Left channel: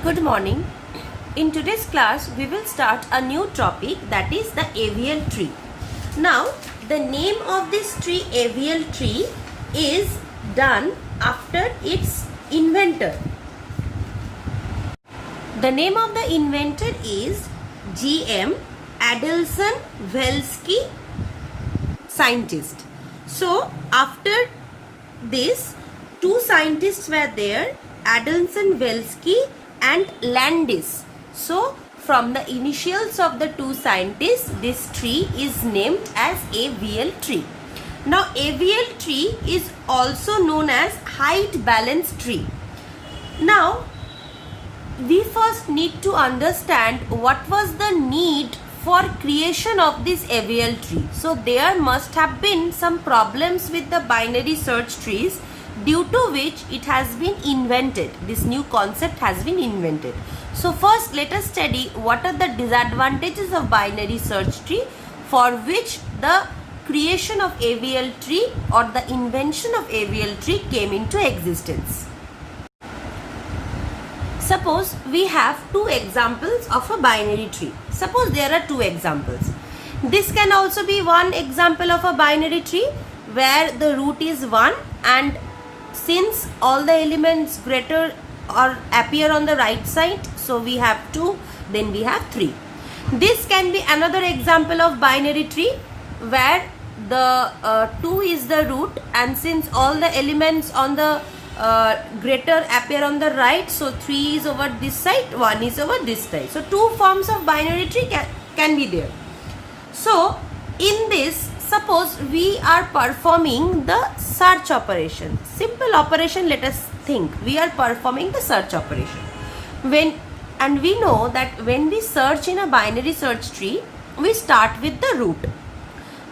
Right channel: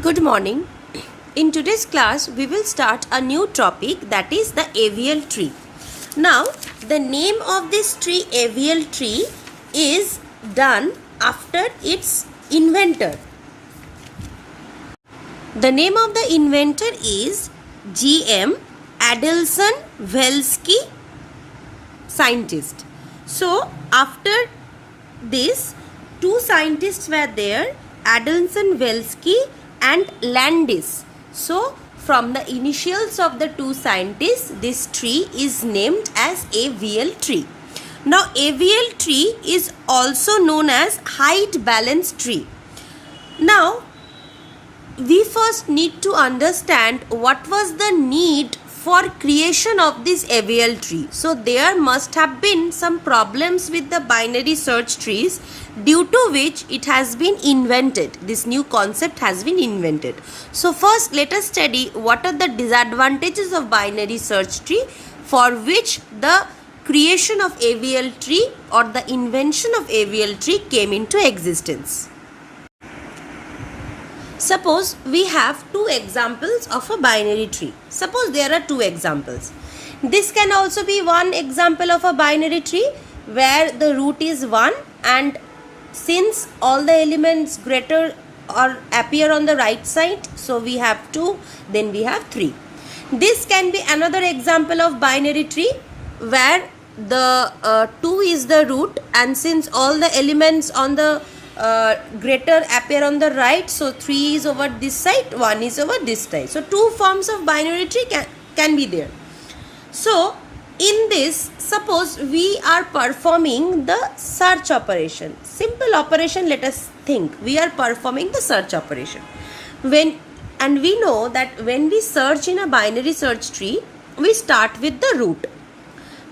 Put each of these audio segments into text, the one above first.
Good morning. In today's class, we will start a new topic, that is the avial tree. Now, the name of this tree, avial tree, is done after its inventor. The name of the inventor is G.M. Adelson Velsky, scientist. So, after this, two scientists were there, Adelson Velsky and Landis. So, from the initials of the two scientists, this tree is named as avial tree. Now, avial tree is also known as height balance tree. Now, we first need to understand what was the need for creation of this avial tree. So there must have been some problems with the binary search trees, due to which it has been invented. This new concept has been invented. So first let us study what are the disadvantages of binary search tree, for which the creation of avial tree or the invention of avial tree came into existence. Suppose we have two examples of a binary tree. Suppose there are two examples. This can also be one example of a binary tree where the root is 1, and since all the elements greater or appear on the right side, so we have 2, then we have 3. This can be another example of binary tree where the 2 is the root, and since all the elements on the greater appear on the right, so 3 is over this side, 1 is over this side. So two forms of binary tree can be there. So in this, suppose we are performing the search operation. Simple operation, let us think. We are performing the search operation. And we know that when we search in a binary search tree, we start with the root.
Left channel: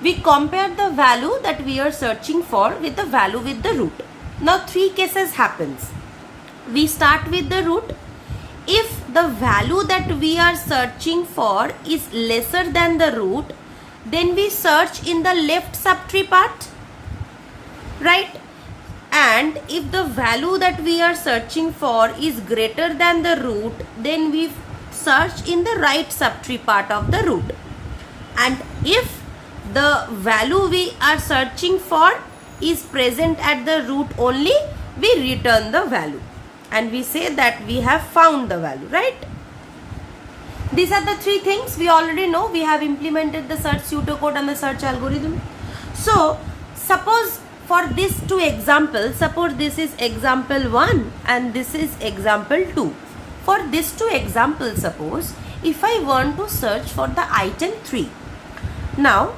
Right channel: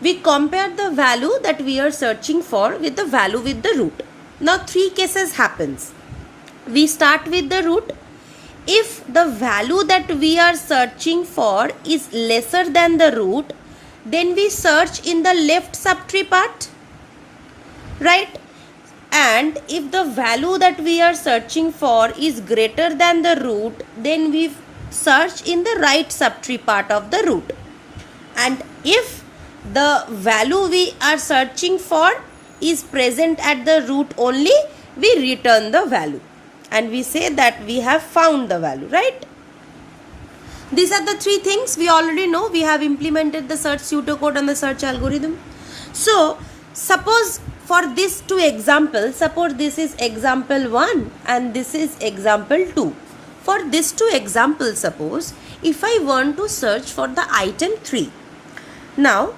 We compare the value that we are searching for with the value with the root. Now three cases happens. We start with the root. If the value that we are searching for is lesser than the root, then we search in the left subtree part, right? And if the value that we are searching for is greater than the root, then we search in the right subtree part of the root. And if the value we are searching for is present at the root only, we return the value and we say that we have found the value, right? These are the three things we already know. We have implemented the search pseudocode and the search algorithm. So suppose for these two examples, suppose this is example 1 and this is example 2. For these two examples, suppose if I want to search for the item 3. Now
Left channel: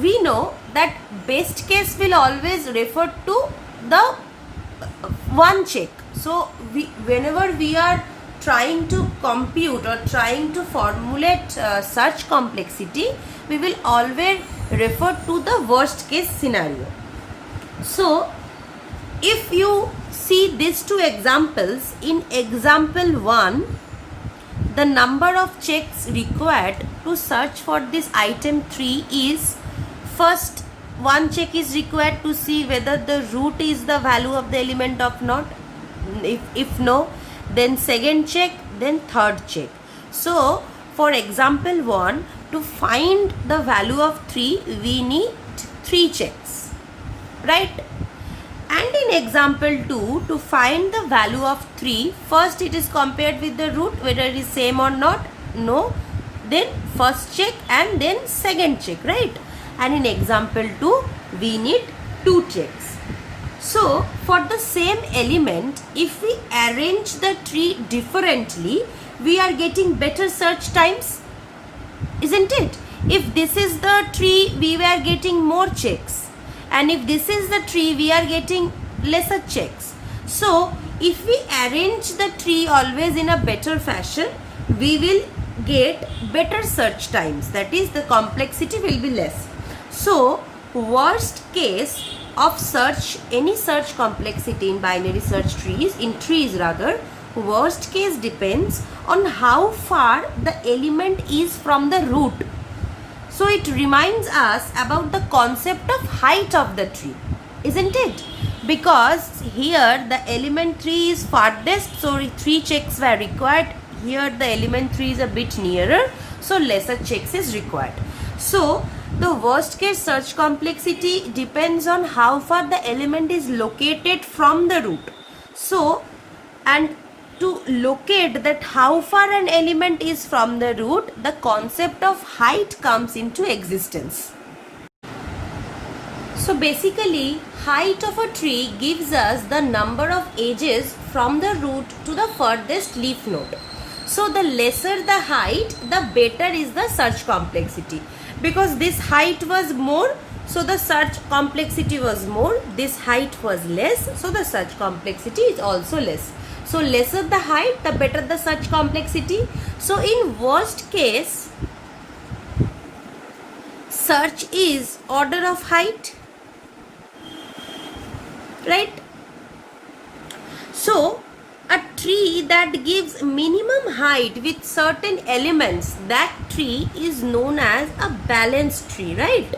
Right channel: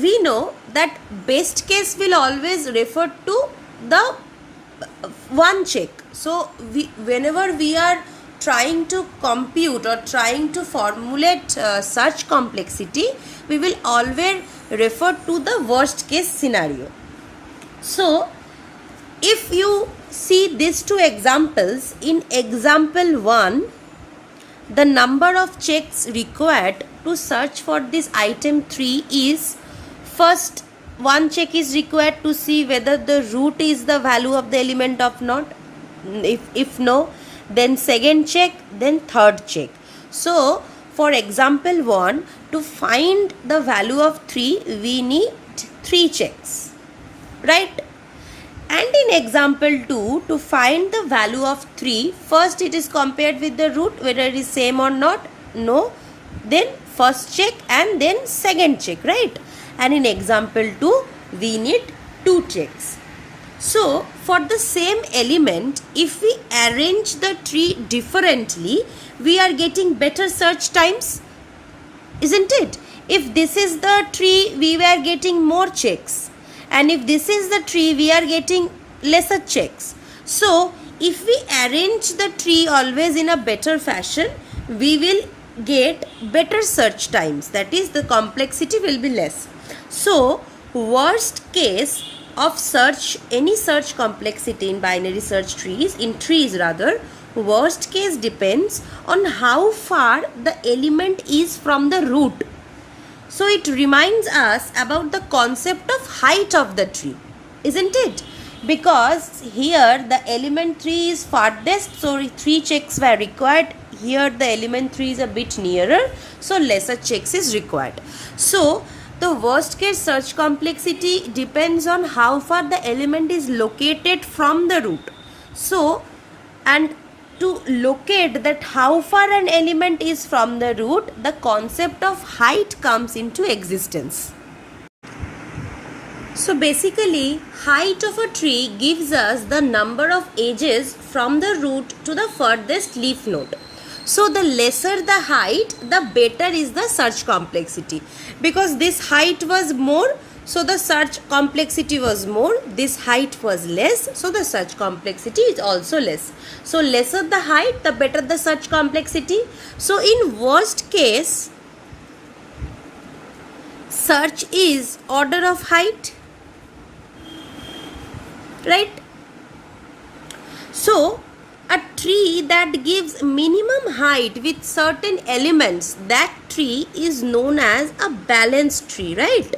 we know that best case will always refer to the one check. So whenever we are trying to compute or trying to formulate search complexity, we will always refer to the worst case scenario. So if you see these two examples, in example 1, the number of checks required to search for this item 3 is, first one check is required to see whether the root is the value of the element or not. If no, then second check, then third check. So for example 1, to find the value of 3, we need 3 checks, right? And in example 2, to find the value of 3, first it is compared with the root whether it is same or not. No, then first check and then second check, right? And in example 2, we need 2 checks. So for the same element, if we arrange the tree differently, we are getting better search times, isn't it? If this is the tree, we were getting more checks, and if this is the tree, we are getting lesser checks. So if we arrange the tree always in a better fashion, we will get better search times, that is the complexity will be less. So worst case of search, any search complexity in binary search trees, worst case depends on how far the element is from the root. So it reminds us about the concept of height of the tree, isn't it? because here the element 3 is farthest, so 3 checks were required. Here the element 3 is a bit nearer, so lesser checks is required. So the worst case search complexity depends on how far the element is located from the root. So, and to locate that how far an element is from the root, the concept of height comes into existence. So basically, height of a tree gives us the number of edges from the root to the furthest leaf node. So the lesser the height, the better is the search complexity. Because this height was more, so the search complexity was more. This height was less, so the search complexity is also less. So lesser the height, the better the search complexity. So in worst case, search is order of height, right? So a tree that gives minimum height with certain elements, that tree is known as a balanced tree, right?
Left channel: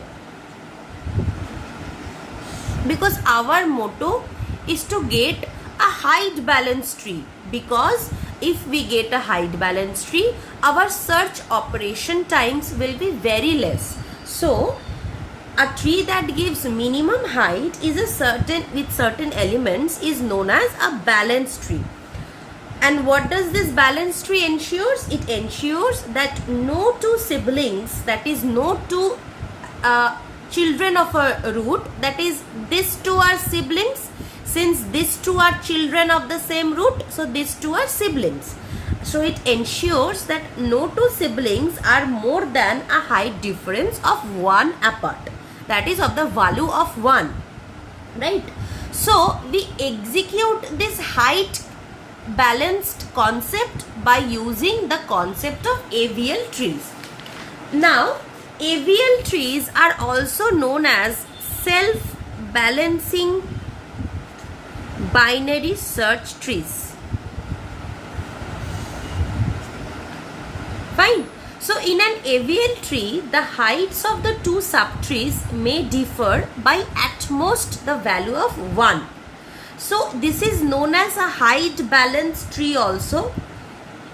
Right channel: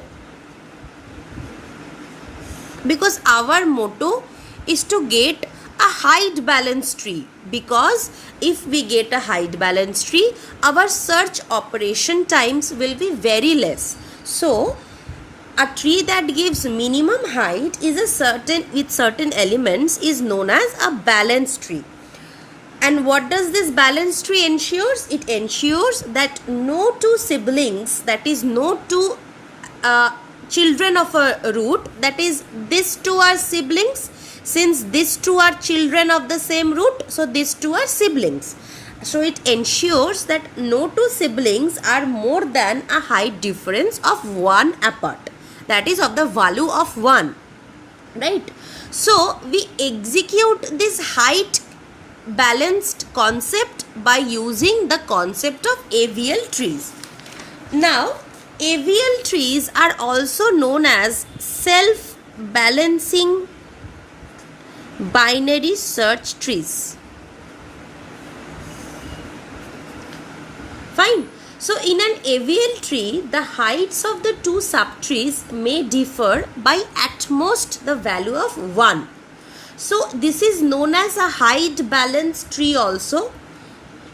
Because our motto is to get a height balanced tree, because if we get a height balanced tree, our search operation times will be very less. So a tree that gives minimum height is with certain elements is known as a balanced tree. And what does this balanced tree ensures? It ensures that no two siblings, that is no two children of a root, that is these two are siblings. Since these two are children of the same root, so these two are siblings. So it ensures that no two siblings are more than a height difference of 1 apart. That is of the value of 1. Right? So we execute this height balanced concept by using the concept of AVL trees. Now, AVL trees are also known as self-balancing binary search trees. Fine. So in an AVL tree, the heights of the two subtrees may differ by at most the value of 1. So this is known as a height balanced tree also.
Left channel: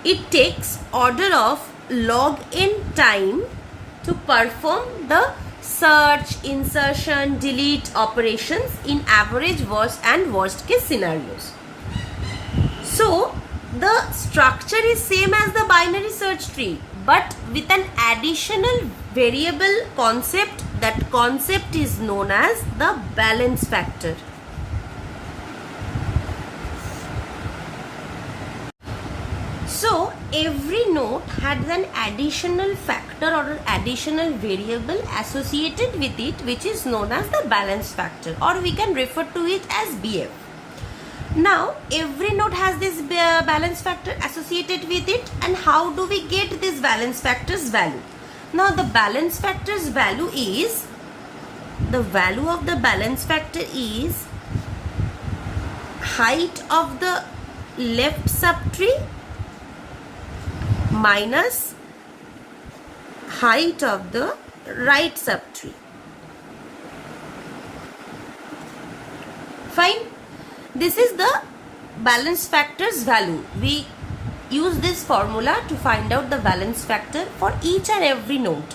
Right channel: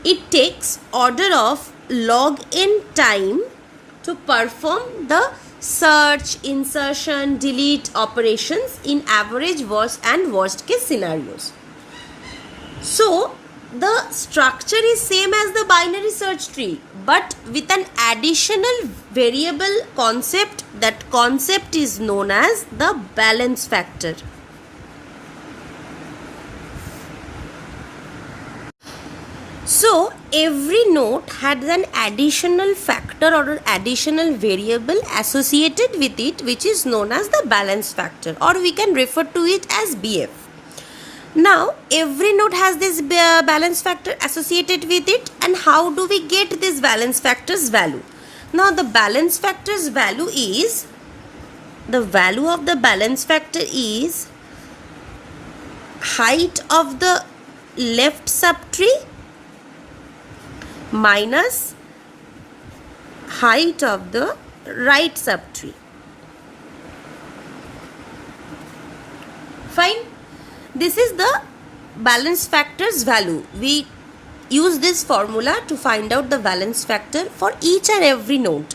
It takes order of log n time to perform the search, insertion, delete operations in average, worst and worst case scenarios. So the structure is same as the binary search tree, but with an additional variable concept. That concept is known as the balance factor. So every node has an additional factor or an additional variable associated with it, which is known as the balance factor, or we can refer to it as BF. Now every node has this balance factor associated with it, and how do we get this balance factor's value? Now the balance factor's value is, the value of the balance factor is height of the left subtree minus height of the right subtree. Fine. This is the balance factor's value. We use this formula to find out the balance factor for each and every node.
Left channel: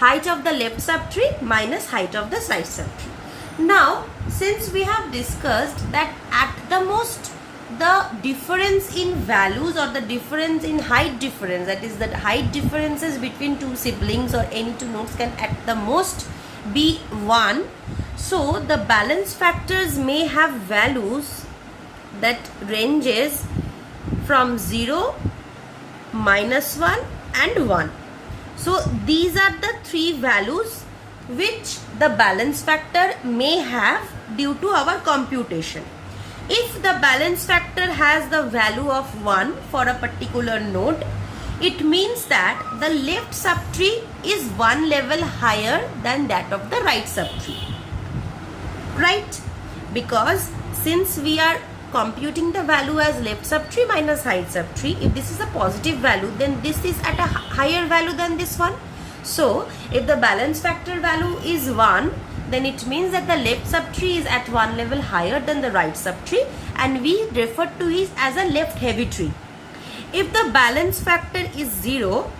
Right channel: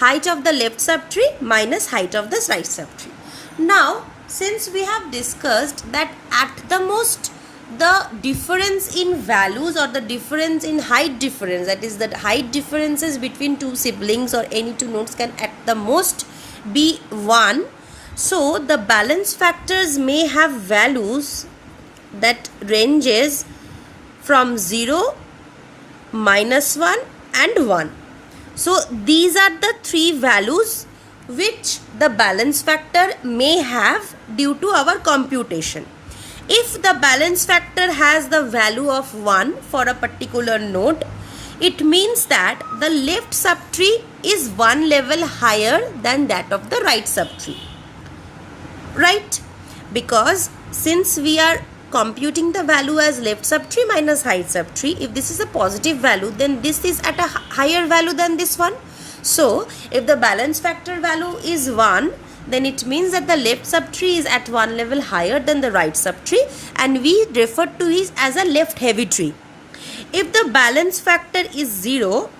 Height of the left subtree minus height of the right subtree. Now, since we have discussed that at the most the difference in values or the difference in height difference, that is the height differences between two siblings or any two nodes can at the most be 1. So the balance factors may have values that ranges from 0, -1 and 1. So these are the three values which the balance factor may have due to our computation. If the balance factor has the value of 1 for a particular node, it means that the left subtree is one level higher than that of the right subtree. Right? Because since we are computing the value as left subtree minus right subtree, if this is a positive value, then this is at a higher value than this one. So if the balance factor value is 1, then it means that the left subtree is at one level higher than the right subtree, and we refer to it as a left heavy tree. If the balance factor is 0,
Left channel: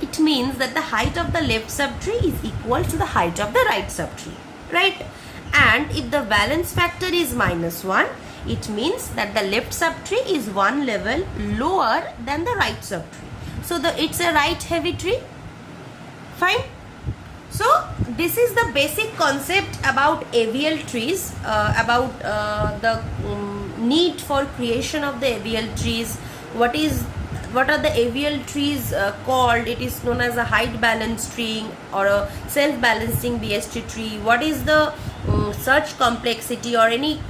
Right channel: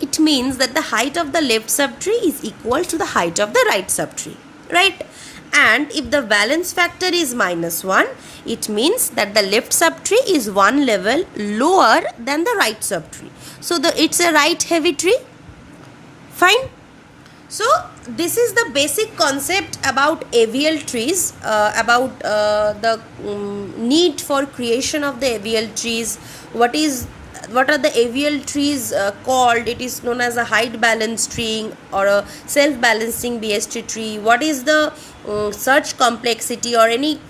it means that the height of the left subtree is equal to the height of the right subtree, right? And if the balance factor is -1, it means that the left subtree is one level lower than the right subtree. So it's a right heavy tree. Fine. So this is the basic concept about AVL trees, about the need for creation of the AVL trees. What are the AVL trees called? It is known as a height balance tree or a self-balancing BST tree. What is the search complexity or any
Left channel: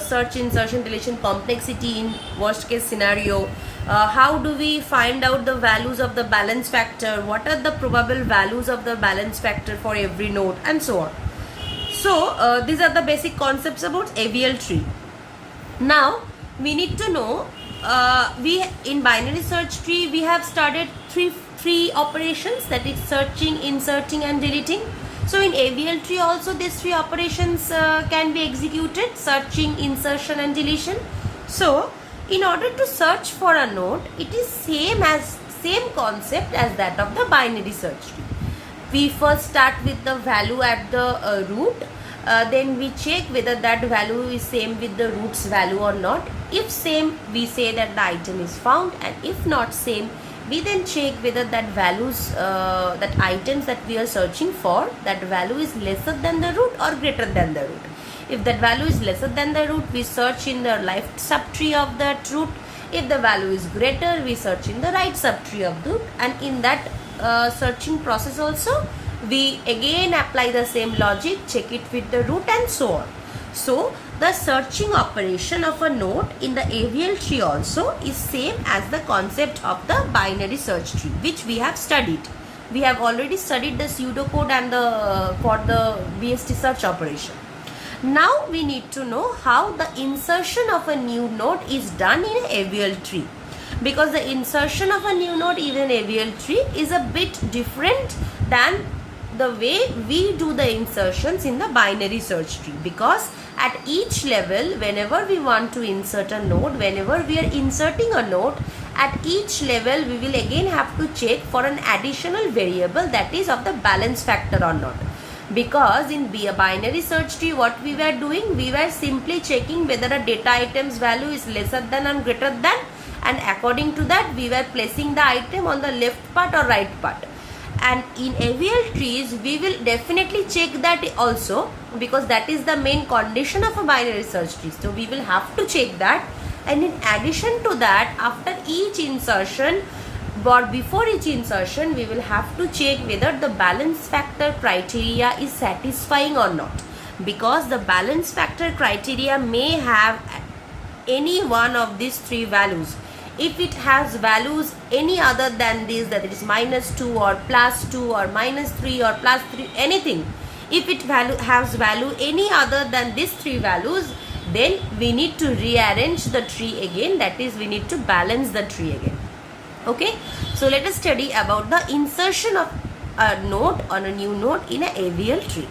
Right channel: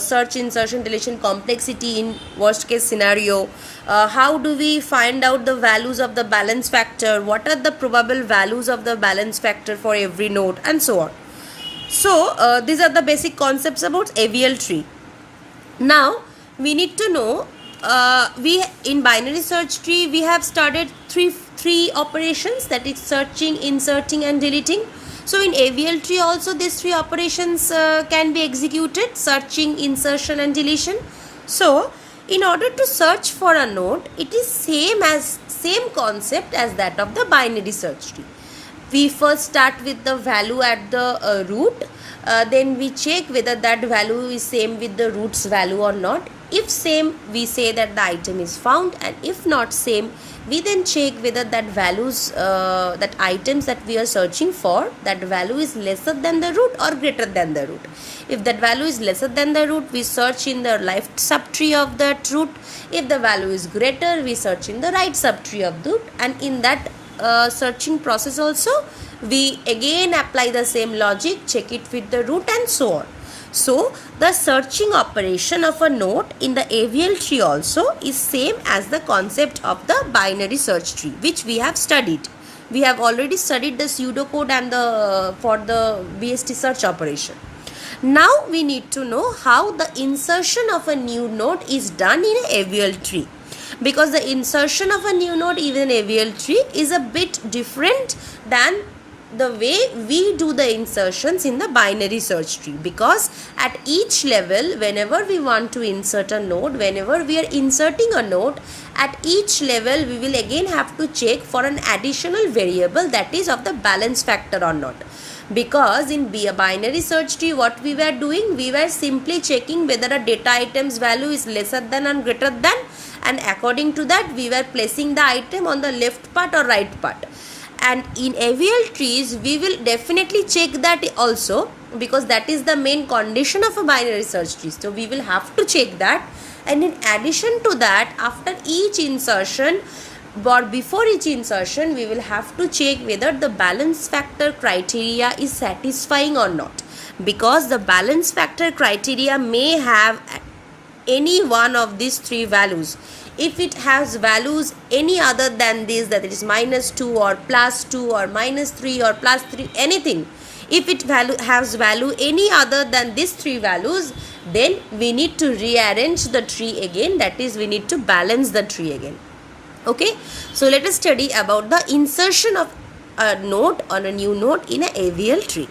search, insertion, deletion complexity in worst case scenario? How do we find out the values of the balance factor? What are the probable values of the balance factor for every node, and so on. So these are the basic concepts about AVL tree. Now we need to know, we in binary search tree we have started three operations, that is searching, inserting and deleting. So in AVL tree also these three operations can be executed: searching, insertion and deletion. So in order to search for a node, it is same concept as that of the binary search tree. We first start with the value at the root, then we check whether that value is same with the root's value or not. If same, we say that the item is found, and if not same, we then check whether that values, that items that we are searching for, that value is lesser than the root or greater than the root. If that value is lesser than the root, we search in the left subtree of that root. If the value is greater, we search in the right subtree of the root, and in that searching process also, we again apply the same logic, check it with the root and so on. So the searching operation of a node in the AVL tree also is same as the concept of the binary search tree, which we have studied. We have already studied the pseudocode and the for the BST search operation. Now we need to know how the insertion of a new node is done in an AVL tree, because the insertion of a new node in an AVL tree is a bit different than the way we do the insertions in the binary search tree. Because at each level, whenever we want to insert a node, whenever we are inserting a node, at each level we will again have to check for an additional variable, that is of the balance factor or not. Because in a binary search tree, what we were doing, we were simply checking whether a data item's value is lesser than or greater than, and according to that we were placing the item on the left part or right part. And in AVL trees we will definitely check that also, because that is the main condition of a binary search tree. So we will have to check that, and in addition to that, after each insertion or before each insertion, we will have to check whether the balance factor criteria is satisfying or not, because the balance factor criteria may have any one of these three values. If it has values any other than this, that it is -2 or +2 or -3 or +3, anything, if it has value any other than these three values, then we need to rearrange the tree again, that is we need to balance the tree again. Okay, so let us study about the insertion of a node or a new node in a AVL tree.